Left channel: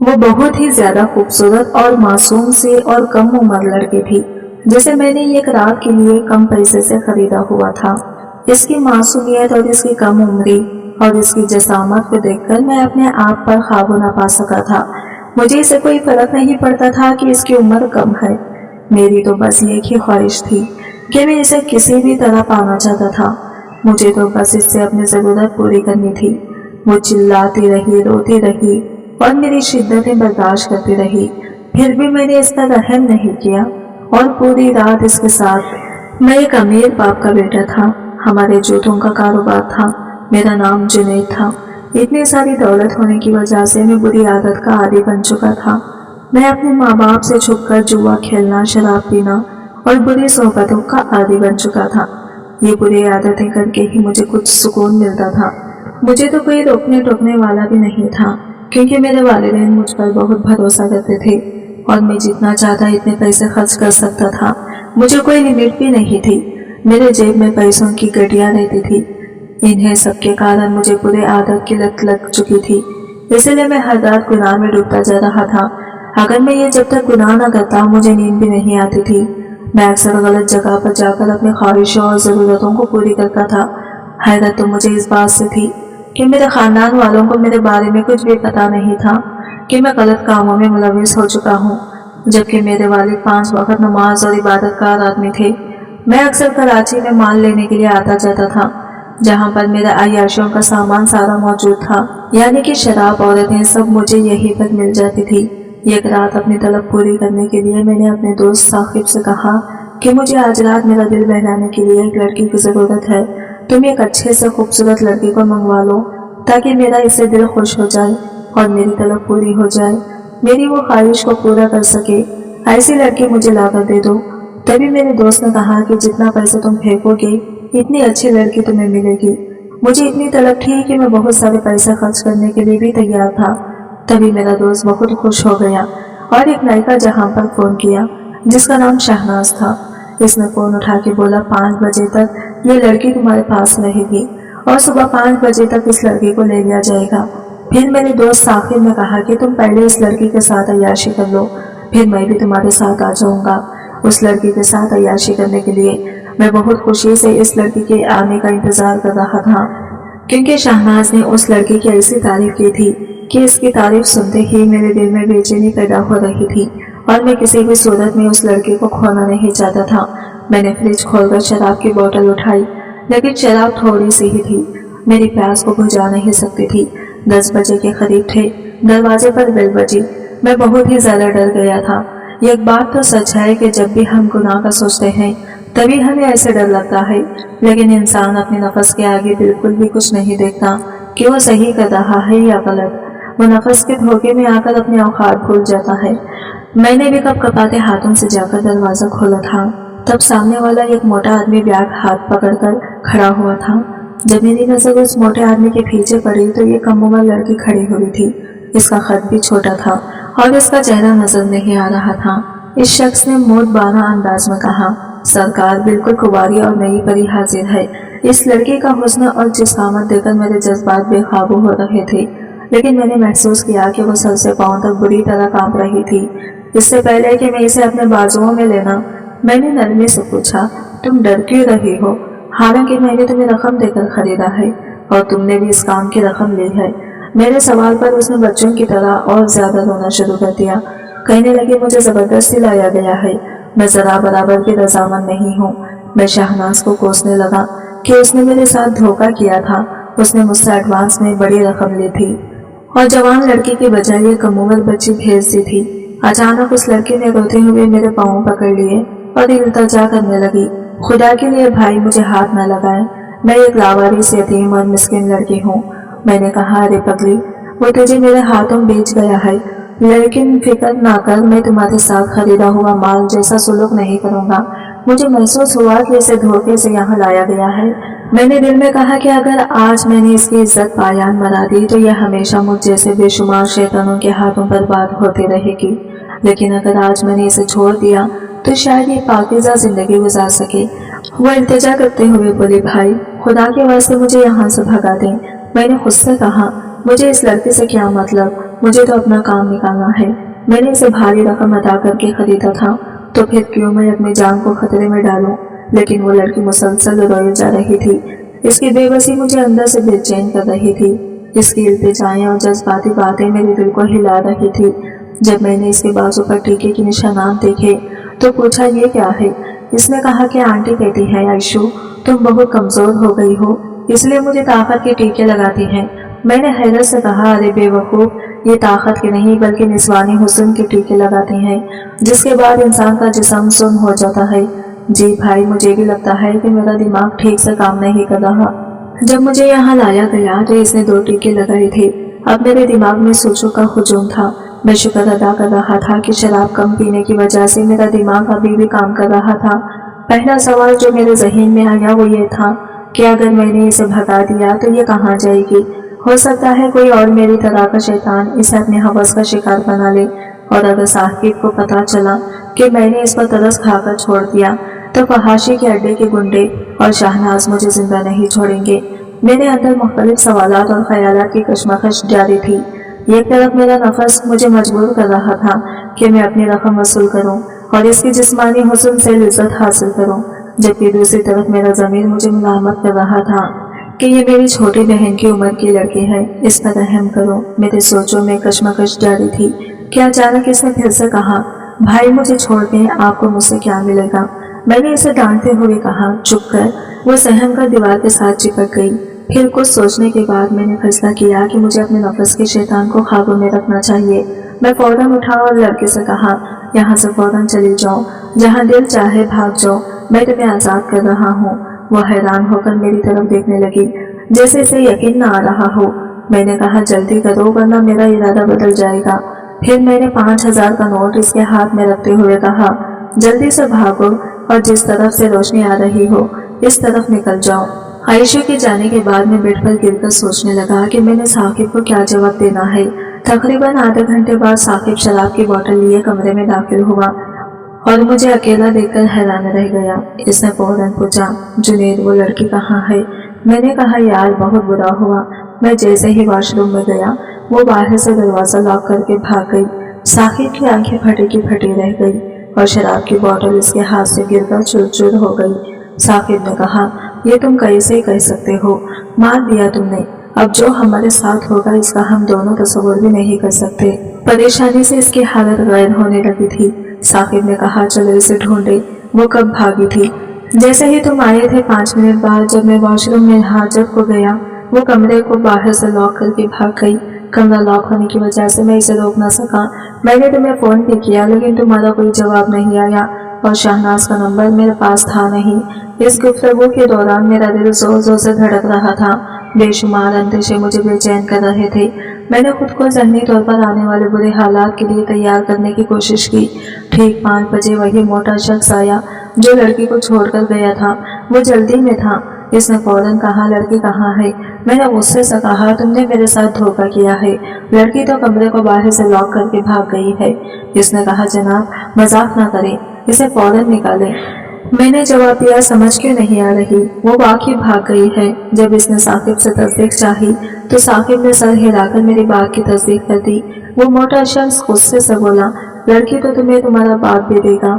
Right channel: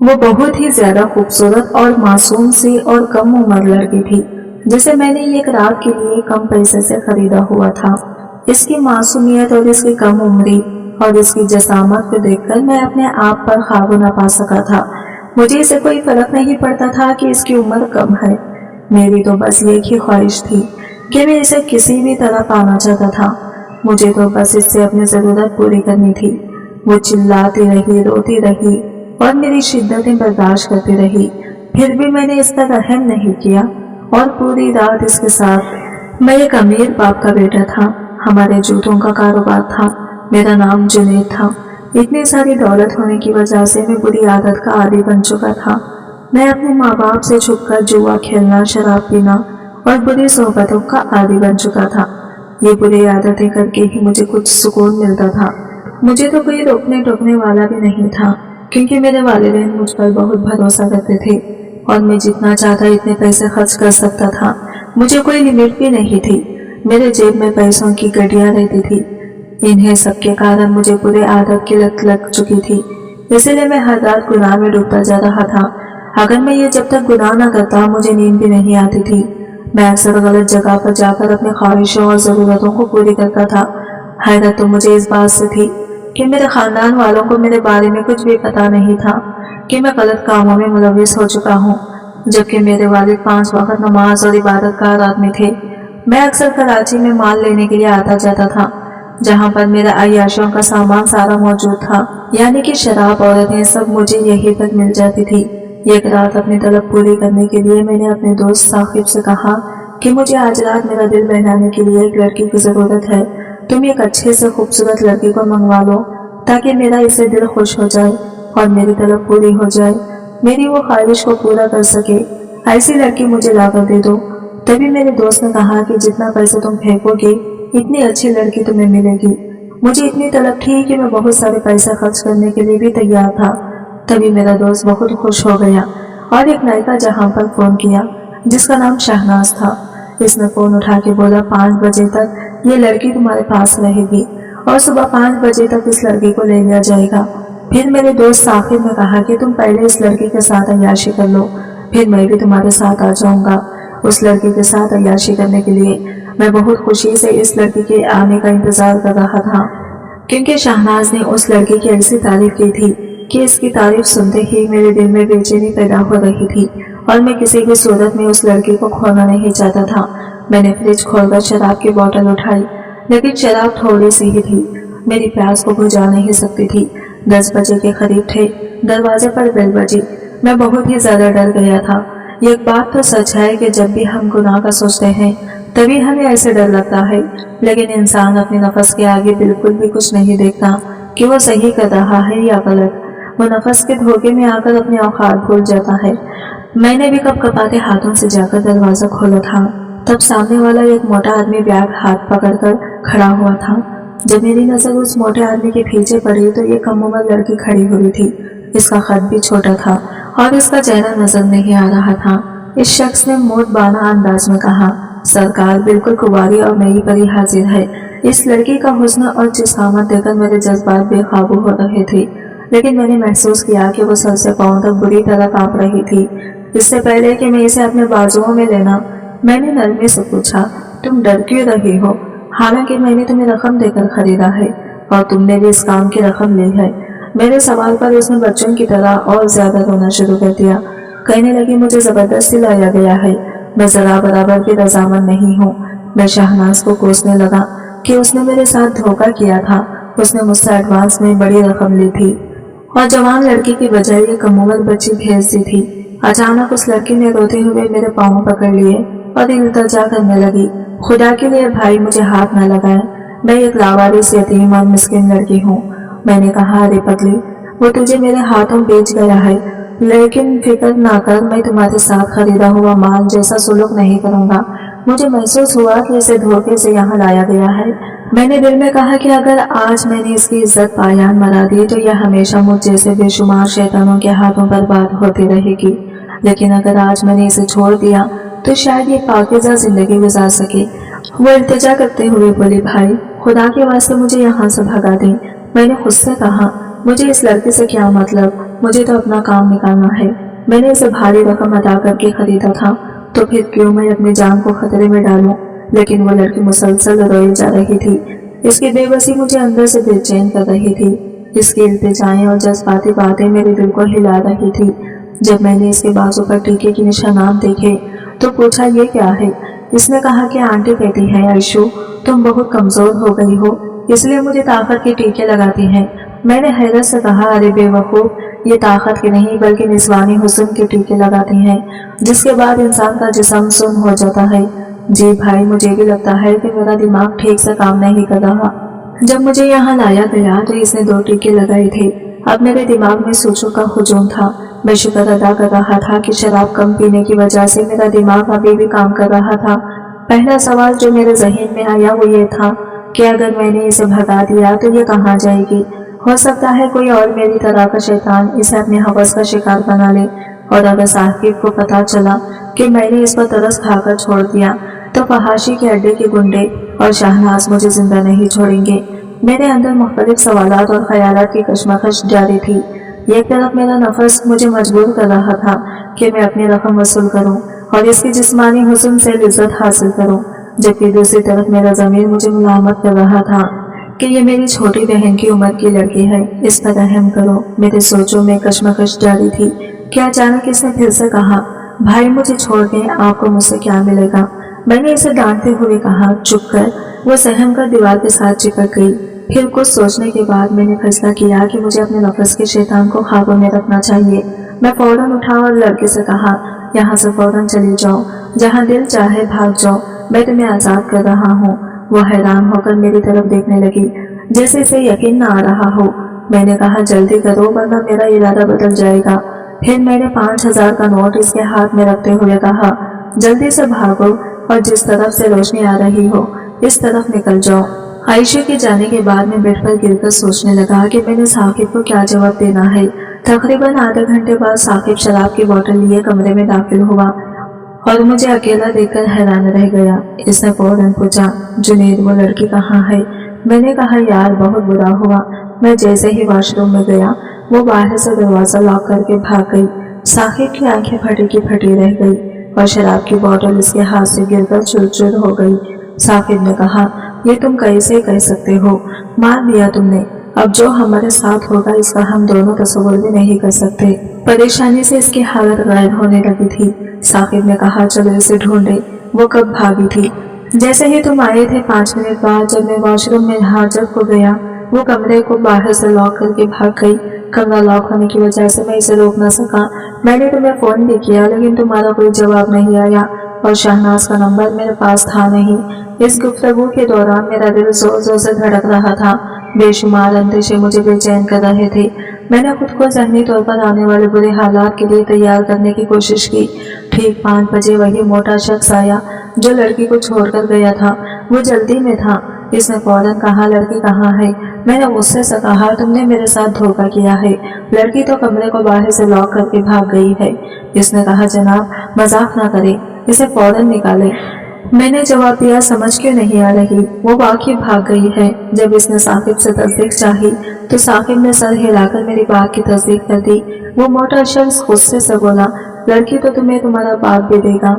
वो बहुत ही ज्यादा खूबसूरत और मासूम सी और कम उम्र लड़की थी, जिसे मैंने एक रात के लिए कम पैसे से खरीदा हुआ था। इसकी मासूमियत और इसकी कम उम्री और इसकी जसामत को देखकर मैं अपने आप पर काबू न पा सका था। मुझे इसे कोई फर्क नहीं पड़ता था कि इसकी उम्र कम है। मेरी तो बस एक ही ख्वाहिश थी कि मैं इसे किसी भी तरह पाना चाहता था। मुझे तो बस इससे अपनी ज़रूरत पूरी करनी थी। वो चिल्लाती रही, रोती रही और मेरी शिद्दतें बर्दाश्त करती रही, फिर भी मैंने इस पर रहम नहीं किया और पूरी रात इसके साथ। मैं एक अमीर बाप का बेटा था, हमारे जूतों का कारोबार था, मेरा नाम जुनैद था। इतनी सारी दौलत होने की वजह से मैं बुरी आदत का आदी बन चुका था। मैं अपने माँ बाप से छुपकर जुआ खेलना, शराब पीना और बुरी सोहबतों का आदी बन चुका था। ये बुरी आदतें करके ही मुझे कुछ सुकून मिलता था। मुझे तो कोई रोकने टोकने वाला भी नहीं था, क्योंकि मेरे वालिदैन मुझ पर बहुत भरोसा करते थे और मैं जितना चाहता इतने पैसे खर्च कर सकता था। मुझे कोई लिमिट भी नहीं थी। मेरे जेब में पैसों की गड्डियां रहती थी। इन्हें सबके कारण मुझे बुरे आदत की लत लग चुकी थी, इसलिए मैं हर रात गुनाह में डूबता जा रहा था। अगर मैं ये जब तक गुनाह न करता, मुझे नींद भी नहीं आती थी। मैं अक्सर गलत जगह पर जाकर अपनी ख्वाहिशों और ज़रूरतों को पूरी करता था। हैरत तो मुझे इस बात से थी कि मेरे ख़ानदान वालों को मेरे बारे में कुछ भी पता नहीं था कि मैं गलत कामों में मुलविस हो चुका हूँ, जबकि मेरे वालिद 5 वक्त नमाज और इबादतगार आदमी थे। मैं अक्सर कराची में माल लेने के लिए आता जाता था, जहाँ पर मेरे अय्याशियों का सामान सारा मौजूद था, यानी कि शराब, औरतें, सब मुझे यहीं पर मिल जाती थी। एक रात अपनी तलब पूरी करने के लिए मैंने अपने दोस्त साकिब से कहा कि मुझे आज रात मेरा दिल बहलाने के लिए एक लड़की की ज़रूरत है। तुम एक अच्छे से खूबसूरत लड़की को मंगवा लो ताकि मेरा इससे दिल खुश हो जाए और मेरी तलब पूरी हो जाए, मेरी वो ख्वाहिश को पूरा कर सके। ऐसी लड़की मुझे लाकर दे दो। तभी मेरे दोस्त ने कहा कि जितना पैसा तुम फेंकोगे इतनी अच्छी लड़की तुम्हें मिलेगी। मुझे इतनी तलब थी कि मैं बहुत सारे पैसे खर्च करने के लिए भी तैयार था। तभी मेरा दोस्त बहुत खुश हो गया और एक नायिका जहां पर फ़ोन किया, जिसका नाम शहनाज था। इसने फ़ोन उठा के बोला, 5 बजे तक ये लड़की तुम्हारे पास रहेगी और सुबह 5 बजे तक इस लड़की को ले लिया जाएगा। फिर मेरे दोस्त साकिब ने कहा कि तुम पहले इस लड़की के साथ अय्याशी कर लो, फिर मैं भी तुम्हारे साथ आ जाऊंगा उस लड़की के साथ अय्याशी करने के लिए। मैं बहुत खुशी से इस लड़की के आने का इंतज़ार कर रहा था, क्योंकि शहनाज ने उस लड़की की ऐसी तारीफ की थी कि इसकी तारीफ सुनते ही मेरे दिल में बेचैनी पैदा हो रही थी और मैं किसी भी सूरत में उस लड़की को खोना नहीं चाहता था। मैंने फ्रिज खोलकर शराब की बोतल उठाई, लेकिन शराब थोड़ी सी ही थी, मेरी प्यास को बुझा नहीं सकती थी। 10 बजे के करीब थे, दरवाजे पर बेल बजी। मैं बहुत ही ज़्यादा डर गया था। एक बात तो सच है कि जब भी हम गुनाह का सोचते हैं तभी हमें ऐसे डर लगता है, लेकिन इंसान अपने नफस के आगे बिल्कुल भी कुछ नहीं देखता कि वो सही कर रहा है या गलत। वो नफस के धोखे में आकर अपने औकात भूल जाता है। मैंने भी कपकपाते हाथों से जाकर दरवाज़ा खोला था, तब सामने वाला एक मोटा आदमी बैग हाथ पकड़कर खड़ा हुआ था। जब मेरी नज़र उस मोटे आदमी के पीछे पड़ी तो ये कम उम्र लड़की खड़ी हुई थी। इसका कद भी छोटा था और इसका चेहरा नजर नहीं आ रहा था। इस शख्स ने मोटबाना अंदाज में कहा, सरकार, बिल्कुल कुंवारी और नई परी हाजिर है। इस लड़की का हुस्न और जिस्मात देखकर मेरे जज्बात बेकाबू हो रहे थे, लेकिन मैंने महसूस किया कि वो सर से पांव तक बुरी तरह कांप रही थी। इससे पहले कि मैं इसे अपने बाजुओं में लेना, मैंने नरमी से पूछा, तुम डर क्यों रही हो? हालांकि मैंने तुम्हें रकम देकर खरीदा है और तुमने भी इस काम की रकम ली है। मेरे सवाल पर उसने बच्चों की तरह और ज्यादा रोना शुरू कर दिया। कहने लगी, मुझे जबरदस्ती लाया गया है, मैं जरा बराबर भी रजामंद नहीं हूँ। मैं शहनाज को कोसने लगा कि उसने मेरे साथ धोखा किया था। उसने मुझसे एडवांस में बड़ी रकम ली थी और जवान लड़की की बजाय ये कम उम्र बच्ची भेज दी थी। अचानक उस लड़की ने रोते हुए मेरे पाँव पकड़ लिए और इल्तिजा करने लगी, खुदा के लिए भाई मुझे हाथ न लगाए, मैं एक लावारिस, यतीम और मिस्किन लड़की हूँ। मैंने कहा, अरे पगली, वो तुझे मेरे हाथों बेच गया है, लेकिन फिक्र ना कर, मैं तुम्हारे साथ खरीदा हुआ माल जैसा सुलूक नहीं करूँगा। मुझे महसूस हुआ कि इसे धोखे से यहाँ लाया गया है। मैंने दिल में कहा कि अगर आज मैंने इसकी इज्जत पायान मरा दी तो यह हमेशा मुझ जैसे बेशुमार शैतानों के हाथों बर्बाद होती रहेगी, लेकिन अगर आज मैंने इसे छोड़ दिया तो शायद ये पाकीज़ा जिंदगी गुजार सके। वो इल्तिजा करते हुए बोली, भाई खुदा के वास्ते मुझे यहाँ से भगा दें। मैंने खुद से कहा, मुझे इस लड़की से क्या मतलब, मुझे तो अपना काम निकालना है। मैंने इसे भारी रकम अदा करके खरीदा था, तो फिर क्यों मैं अपनी जान को खतरे में डालूं। लेकिन वो लड़की मुसलसल रोई जा रही थी। इसकी बेबसी मुझे अंदर से बेचैन कर रही थी। इसकी इल्तिजाएं और जज्बाती बातें मेरे दिल को हिला रही थी। जब मैंने इसके बाजू पर टीके के निशानात देखे तो पूछा, ये क्या है? इसने कहा कि आंटी कहती है, आयशू तुम बहुत कमजोर हो गई हो, इसलिए मुझे ताकत के टीके लगाती हैं। मैंने हैरत से कहा, अरे बेवकूफ, ये ताकत के नहीं बल्कि निस्वानी हुस्न के टीके लगाती हैं, जिसके बाद इंसान का जिस्म सुन्न हो जाता है। जी भाई, मुझे भी लगता है कि मेरा दिमाग ठीक से काम नहीं कर रहा। जब मुझे यहाँ लाया गया तो इसने 2 टीके लगाए थे। अब मेरे दिमाग में सोचों का हुजूम था। मैं शुक्र अदा कर रहा था कि शराब कम पीने की वजह से मेरा दिमाग अभी भी काम कर रहा था। पहला सवाल जो मेरे जहन में आया वो ये था कि अगर मैंने इसे भगा दिया तो ये कहाँ जाएगी। हो सकता है कोई और मेरी तरह का शैतान इसे अपने हवस का शिकार बना ले, और अगर साकिब को पता चला कि मैंने इस पर तरस खाकर छोड़ दिया तो फहाशी के अड्डे के गुंडे और शाहनाज मुझे जिंदा नहीं छोड़ेंगे। मेरे अंदर मुख्तलिफ सवालात और ख्यालात की कशमकश जारी थी। एक तरफ मेरा नफस मुझे मजबूर कर रहा था कि मैं अपनी रकम वसूल करूं और इसकी जिस्मानी हुस्न से लिज्जत हासिल करूं, जबकि दूसरी तरफ मेरा ज़मीर मुझे मुलामत कर रहा था कि ये मेरी छोटी बहन की उम्र की लड़की है, इस पर रहम करो। मेरे सोचों में कशमकश जारी थी कि अचानक इसने फिर से कहा, भाई मुझे छोड़ दें, आपको मुझसे क्या मिलेगा। मैंने इसे डांटते हुए कहा, चुप कर। वो सहम कर दीवार के साथ चिपक गई। फिर कुछ सोचने के बाद मैंने फैसला किया कि मुझे अपने नफस के शैतान को काबू में रखना चाहिए। मैं फौरन उठा और लड़के से कहा, यहाँ से फौरन चली जाओ, जहाँ दिल चाहे भाग जाओ, मैं तुम्हें आज़ाद कर रहा हूँ। वो हैरान होकर मेरी तरफ देखने लगी, जैसे इसे यकीन न आ रहा हो। मैंने कहा, जल्दी करो वरना मेरा इरादा बदल जाएगा। फिर मैंने 5000 का नोट इसके हाथ में रखते हुए कहा, जल्दी से भागो और जिस तरफ से रोशनी आ रही हो इस तरफ निकल जाओ। आयशा के जाने के बाद मैं बेड पर गिरकर सोचने लगा कि मैंने साकिब को क्या जवाब देना है। तकरीबन आधे घंटे बाद साकिब शराब की बोतल लिए कमरे में दाखिल हुआ और मुझे अकेला देखकर हैरान रह गया। इसने फौरन पूछा, जुनेद वो लड़की कहाँ है? मैंने कहा, यार बहुत बुरा हुआ। मैं जैसे ही वॉशरूम में गया वो बाहर से दरवाज़ा लॉक करके भाग गई। साकिब की आंखें फटी की फटी रह गई और शराब की बोतल इसके हाथ से गिरकर चूर-चूर हो गई। साकिब ने कहा, ये तुम कैसे कह सकते हो? मार दिया तुमने। अब जो हमारे साथ होगा इसका हम दोनों तस्वुर भी नहीं कर सकते। परेशानी से इसकी हालत गैर होने लगी थी। साकिब ने कहा, चलो इसे ढूंढे, वो कब भागी थी? जैसे ही तुम आए थे 5 मिनट बाद जब मैं वॉशरूम में हाजत को गया, वो कमरे को बाहर से लॉक करके भाग गई। कमरा लॉक होने की वजह से मैं इसे रोक न सका। मैंने तुम्हें फ़ोन भी किया लेकिन तुम्हारा कोई जवाब नहीं आया और शहनाज का नंबर मेरे पास था नहीं। इस गुफ्तगू के दौरान मेरा दिल जोर जोर से धड़क रहा था। बेशुमार अंदेशे मुझे बेचैन कर रहे थे। मैंने खुद को ज़हनी तौर पर आने वाले बुरे हालात के लिए तैयार करने की कोशिश की। ठीक 5 बजे वही मोटा शख्स आया जो लड़की को छोड़कर गया था। वो जल्दी में था। इसने फौरन कहा, लड़की कहाँ है? मैंने गुस्से से कहा, तुमने मेरे साथ धोखा किया है। लड़की तो कमरे को बाहर से लॉक करके भाग गई है। इसने कहा, जनाब मजाक ना करें, इसे फौरन निकालें। मैंने जवाब दिया, समझ क्यों नहीं आ रही? वो वाकई भाग गई है। जब इसने साकिब से तस्दीक चाही तो साकिब ने सर हिलाकर मेरी बात की तस्दीक कर दी। वो मोटा शख्स गुस्से से बोला, लड़की तो तुम्हें तुम्हारा बाप भी देगा,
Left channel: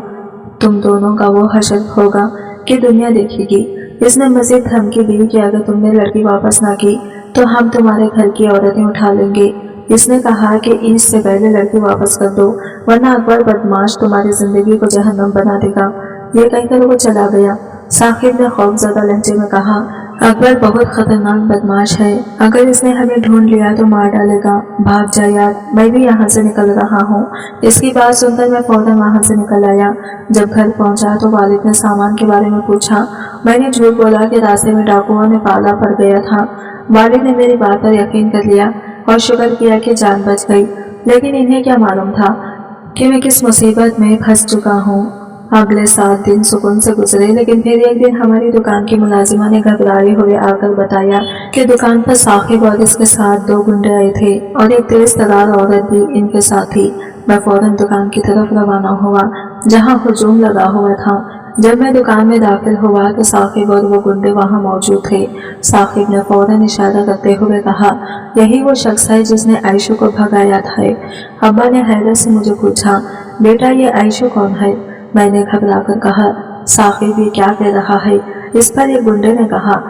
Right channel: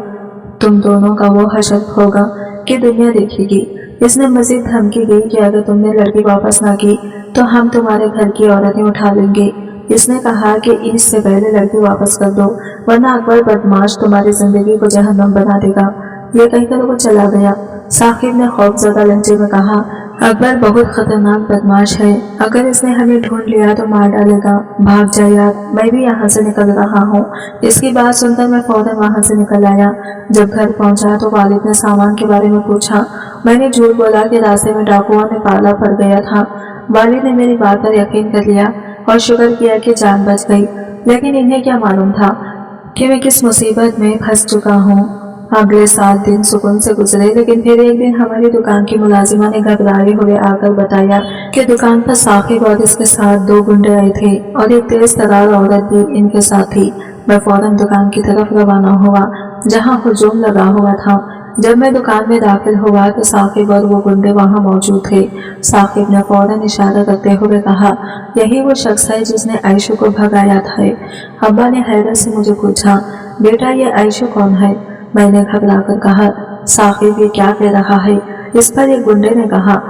तुम दोनों का वो हशर होगा कि दुनिया देखेगी। इसने मजीद धमकी दी कि अगर तुमने लड़की वापस ना की तो हम तुम्हारे घर की औरतें उठा लेंगे। इसने कहा कि इससे पहले लड़की वापस कर दो वरना अकबर बदमाश तुम्हारी जिंदगी को जहन्नम बना देगा। ये कहकर वो चला गया। साकिब ने खौफजदा लहजे में कहा, अकबर बहुत खतरनाक बदमाश है, अगर इसने हमें ढूंढ लिया तो मार डालेगा। भाग जा यार, मैं भी यहाँ से निकल रहा हूँ। इसकी बात सुनकर मैं फौरन वहाँ से निकल आया। जब घर पहुँचा तो वालिद ने सामान के बारे में पूछा। मैंने झूठ बोला कि रास्ते में डाकुओं ने पाला पड़ गया था। वालिद ने मेरी बात पर यकीन कर लिया और शुक्र किया कि जान बच गई। लेकिन इन्हें क्या मालूम था कि मैं किस मुसीबत में फंस चुका हूँ। अगले 7 दिन सुकून से गुजरे, लेकिन फिर एक दिन हमारी दुकान की मुलाजिमा ने घबराए हुए आकर बताया कि दुकान पर साकिब और इसके साथ 2 गुंडे आए थे और एक तेज तरार औरत भी इनके साथ थी। मैं फौरन दुकान की तरफ रवाना हुआ जहां हुजूम लगा हुआ था। जब मैं दुकान में दाखिल हुआ तो साकिब और वो गुंडे वहां मौजूद थे। साकिब ने फौरन इशारा करते हुए कहा, यही वो शख्स है जिसने आयशू को भगाया था। अब्बा ने हैरत से मुझे पूछा, बेटा ये आयशू कौन है? मैंने घबराकर कहा, साकिब ये क्या कह रहा है? इस पर एक गुंडे ने कहा,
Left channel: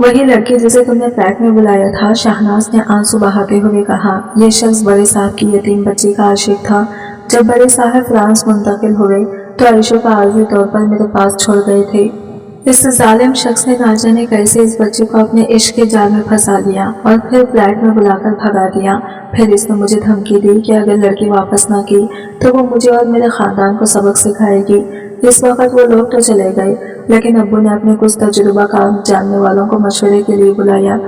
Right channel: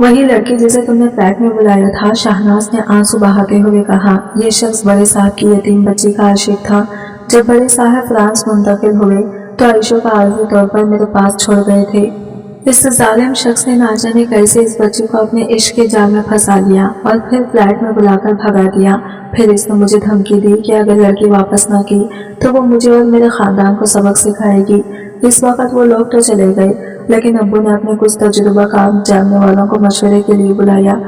वही लड़की जिसे तुमने फ्लैट में बुलाया था। शहनाज ने आंसू बहाते हुए कहा, यह शख्स बड़े साहब की यतीम बच्ची का आशिक था। जब बड़े साहब फ्रांस मुंतकिल हुए तो आयशू का आर्जी तौर पर मेरे पास छोड़ गए थे। इस जालिम शख्स ने ना जाने कैसे इस बच्ची को अपने इश्क के जाल में फंसा लिया और फिर फ्लैट में बुलाकर भगा दिया। फिर इसने मुझे धमकी दी कि अगर लड़की वापस न की तो वो मुझे और मेरे खानदान को सबक सिखाएगी। इस वक्त वो लोग तो चले गए, लेकिन अब्बू ने अपने कुछ तजुर्बाकार जानने वालों को मशवरे के लिए बुलाया।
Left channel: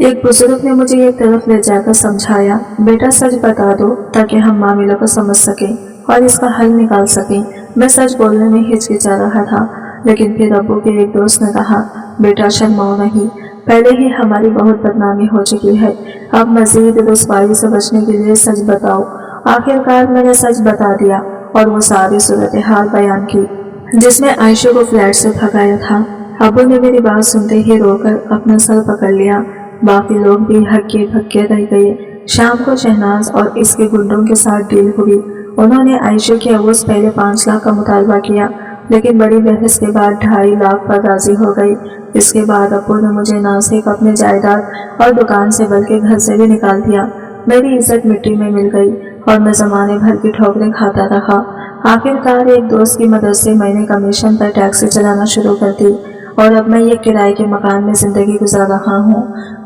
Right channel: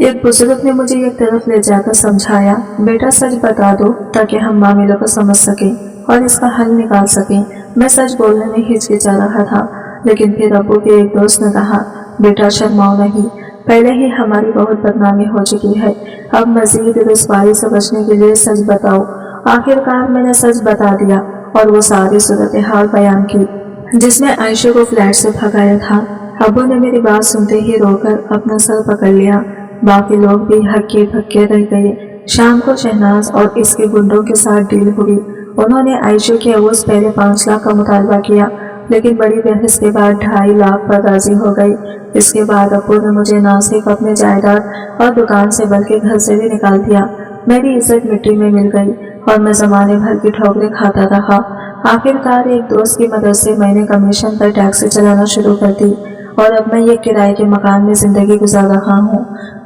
एक बुजुर्ग ने मुझे एक तरफ ले जाकर समझाया, बेटा सच बता दो ताकि हम मामलों को समझ सकें और इसका हल निकाल सकें। मैं सच बोलने में हिचकिचा रहा था, लेकिन फिर अब्बू के एक दोस्त ने कहा, बेटा शर्माओ नहीं, पहले ही हमारी बहुत बदनामी हो चुकी है, अब मजीद रुसवाई से बचने के लिए सच बताओ। आखिरकार मैंने सच बता दिया और वो सारी सूरत हाल बयान की जिसमें आयशा को फ्लैट से भगाया था। अब्बू ने मेरी बात सुनते ही रोकर अपना सर पकड़ लिया। बाकी लोग भी हक्के भक्के रह गए। शाम को शहनाज और इसके गुंडों के साथ डील हुई। उन्होंने आयशा के अवूज पहले 5 लाख का मुतालबा किया, लेकिन बड़ी बहस के बाद 2.5 लाख पर राजी हो गई। इसके बाद अब्बू ने मुझे ना सिर्फ अपने जायदाद और दुकान से बल्कि घर से भी निकाल दिया। मेरी इज्जत मिट्टी में मिल गई और मैं जमाने भर की ठोकरें खाता रहा। आखिरकार एक दोस्त की मदद से मैंने कमीशन पर टैक्सी चलाना शुरू कर दी और अब मैं एक किराए के मकान में जिंदगी गुजार रहा हूँ।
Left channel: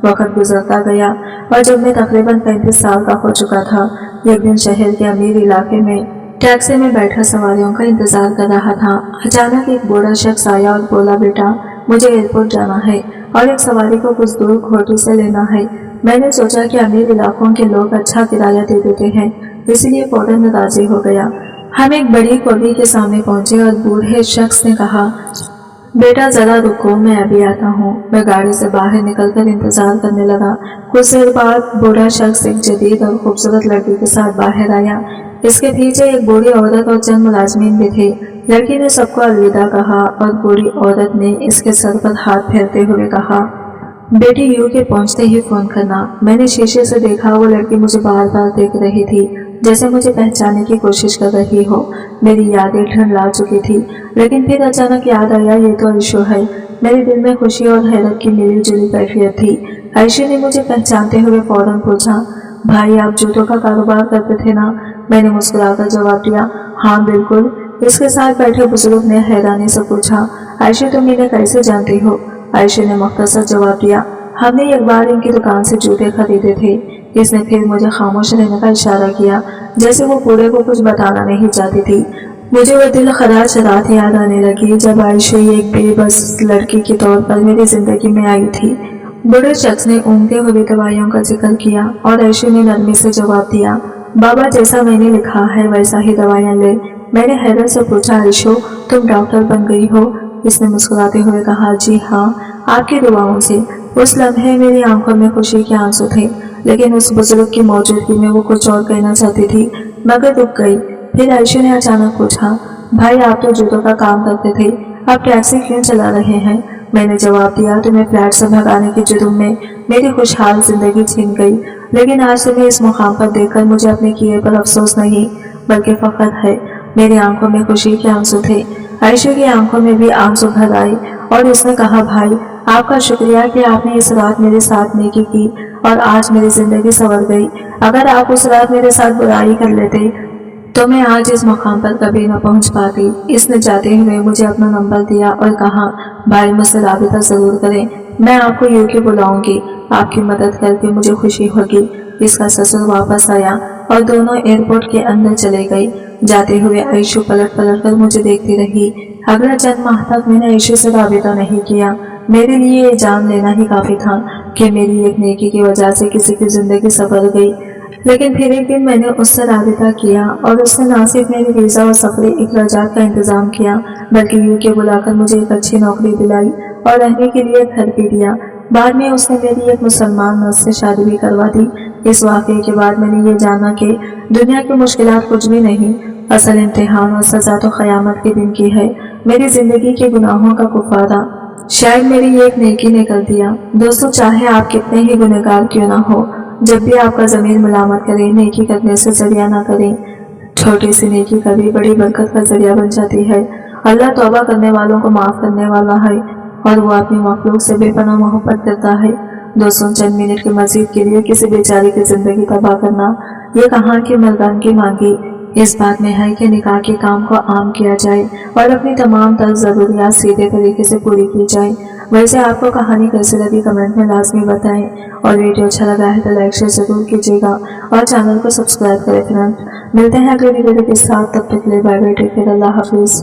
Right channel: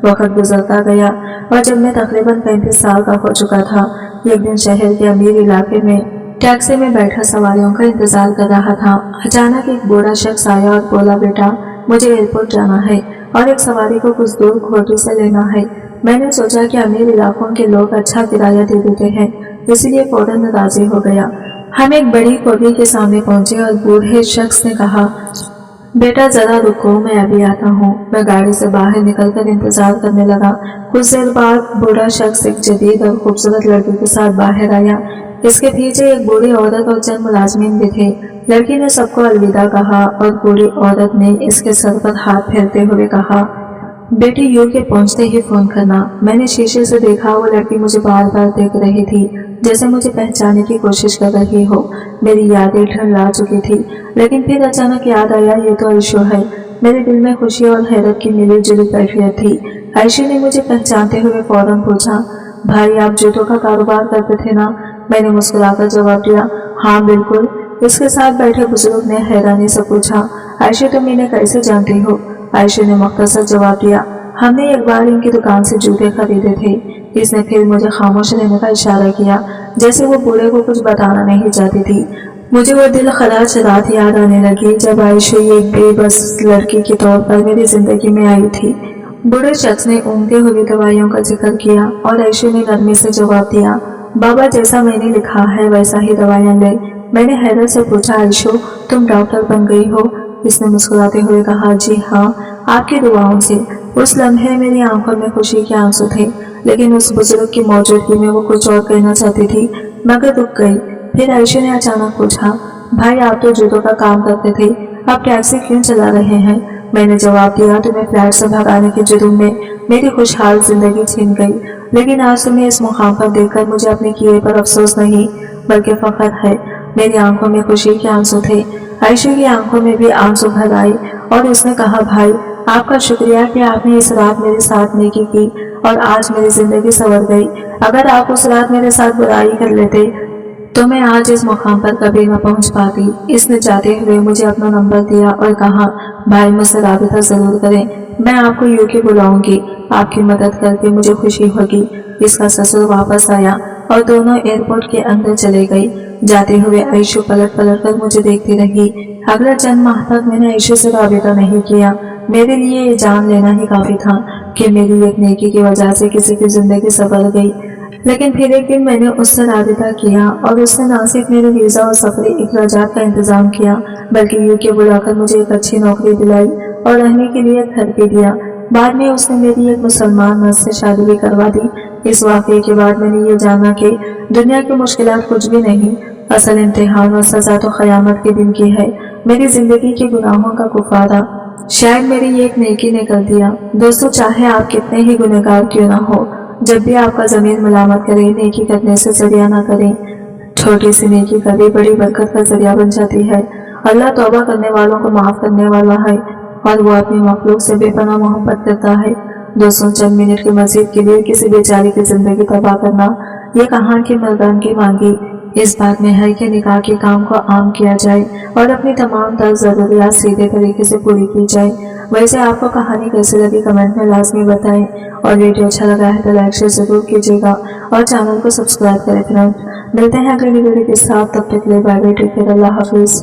वक्त गुजरता गया और जब मैं तकरीबन 35 साल का हो चुका था, एक दिन शहर के अमीर इलाके में टैक्सी में बैठा सवारियों का इंतजार कर रहा था। अचानक एक बूढ़ा शख्स आया और बोला, बेटा मुझे एयरपोर्ट जाना है और एक सवारी को कुछ दूर खोटी से लेना है। मैंने सोचा कि अमीर इलाकों के लोग अच्छा किराया दे देते हैं, इसलिए फौरन राजी हो गया। हम एक बड़ी कोठी के सामने पहुंचे और बूढ़े शख्स ने कहा, बेटा जरा रुको, मैं अभी आता हूँ। मैं गाड़ी से बाहर निकलकर इंतजार करने लगा। कुछ देर बाद बूढ़ा शख्स एक जदीद और खूबसूरत लड़की के साथ बाहर आया। इसके पीछे एक बूढ़ी औरत और चंद मुलाजमीन भी थे। लड़की ने सबको अलविदा कहा और बूढ़ी औरत ने इसके सर पर हाथ फेरते हुए कहा, बेटी यूके पहुंचते ही फोन करना। मैंने शीशे से देखा, वो लड़की मुझे बार बार देख रही थी, जैसे मुझे पहचानने की कोशिश कर रही हो। मेरी यादें ढंढला चुकी थी, लेकिन फिर अचानक याद आया, ये तो आयशू है। मेरे दिल में खुशी और हैरत की मिली जुली कैफियत थी। आयशू ने मुझे पहचानते हुए फौरन पूछा, भाई आप जूतों का कारोबार करते थे ना? मैंने मुस्कुराकर जवाब दिया, हाँ बिल्कुल। इसके साथ बैठे बुजुर्ग ने हैरानी से पूछा, आयशू तुम इन्हें कैसे जानती हो? आयशा ने मुख्तसर जवाब दिया, हमने एक बार इनकी दुकान से जूते खरीदे थे। इसने फिर मुझे खामोश रहने का इशारा किया, जैसे वो बूढ़े को कुछ बताना नहीं चाहती थी। मुझे वो दिल खराज रात याद आने लगी जब आयशा एक बेबस लड़की के तौर पर मेरी जिंदगी में आई थी। बूढ़े शख्स ने ऊँघते हुए दवाइयों का जिक्र किया और आयशा ने नरमी से जवाब दिया, बाबा जैसा मैंने लिखा है वैसा ही दवाइयाँ ले। मैंने हैरत से पूछा, आयशा तुम डॉक्टर बन गई हो? इसने मुस्कुराते हुए कहा, जी हाँ, आपकी दुआओं से। उस लम्हे मेरी आंखों में खुशी के आंसू थे, लेकिन उस बुजुर्ग की मौजूदगी में वो कुछ और कहना चाहती थी, मगर रुक गई। फिर आयशा ने अचानक पूछा, भाई आप तो जूतों का काम करते थे, अब टैक्सी क्यों चला रहे हैं? मैंने जवाब दिया, तुम्हें फ्लैट से भगाने के जुर्म में मेरी खुशहाल जिंदगी छीन गई, लेकिन आज तुम्हें इस मुकाम पर देखकर मुझे अपने किए पर अफसोस नहीं बल्कि फख्र है। मेरी आंखों में खुशी के आंसू थे। आयशा की आंखों में भी आंसू भर आए और उसने कहा, भाई आपका शुक्रिया कि आपने इस रात मेरे साथ नेकी की और आज मेरी जिंदगी संवर गई। अगर आप उस रात मेरे साथ बुराई कर लेते तो मैं आज इस मुकाम पर कभी न पहुंच पाती। इसने जाते हुए मुझे अपना नंबर दिया और कहा, भाई मुझसे राबिता जरूर करें, मैं आपको यूके बुलाऊंगी, आपकी मदद करके मुझे खुशी होगी। इसका ससुर वापस आया और दोनों एयरपोर्ट के अंदर चले गई। जाते हुए आयशा पलट पलट कर मुझे देखती रही। अगले चंद माह तक मैंने आयशा से राबिता नहीं किया। मेरे लिए ये जान लेना ही काफी था कि मेरी एक नेकी की वजह से किसी की जिंदगी संवर गई। लेकिन फिर एक दिन मैंने उससे राबिता किया और उसने ना सिर्फ मेरे वीज़ा और सफरी अखराजात का इंतजाम किया, बल्कि यूके बुलाकर मुझे एक अच्छी नौकरी दिलाई और रहने के लिए घर भी दिया। बाद में उसने मेरी एक मुसलमान मर्द से शादी भी करवा दी। इस वाक़ये के बाद मैंने ये जाना कि दुनिया की मुश्किलात कुछ भी नहीं, असल इम्तिहान और सज़ा तो क़यामत के दिन की है। मेरी जिंदगी के गुनाहों का कुफारा शायद मेरी ये एक नेकी ने कर दिया। दोस्तों, चाहे आप कितने ही गुनहगार क्यों ना हो, जब भी आपका ज़मीर मलामत करे, नेकी करने से जरिया ना करें। छोटी सी नेकी कभी बड़ी बरकत का जरिया बन जाती है। अल्लाह तौबा करने वालों को माफ़ करने वाला है और वो अपनी मखलूक से बेपनाह मोहब्बत करता है। दोस्तों, चंद मिनट के मजीद के लिए किसी बेचारी की ज़िंदगी तबाह करना ये कहाँ की मर्दानगी मांगी। इस बात में है कि निकाह के काम को आम किया जाए और अपनी तमाम तर ज़रूरियात सीधे तरीके से पूरी की जाए। वैसे आपको कहानी कैसी लगी कमेंट में लाजमी बताएं और वीडियो अच्छा लगा है तो लाइक शेयर ज़रूर कीजिएगा और चैनल को सब्सक्राइब करें फ्रेंड्स। मिलते हैं अगले वीडियो के साथ, तब तक के लिए बाय बाय, टेक केयर, अल्लाह हाफिज़।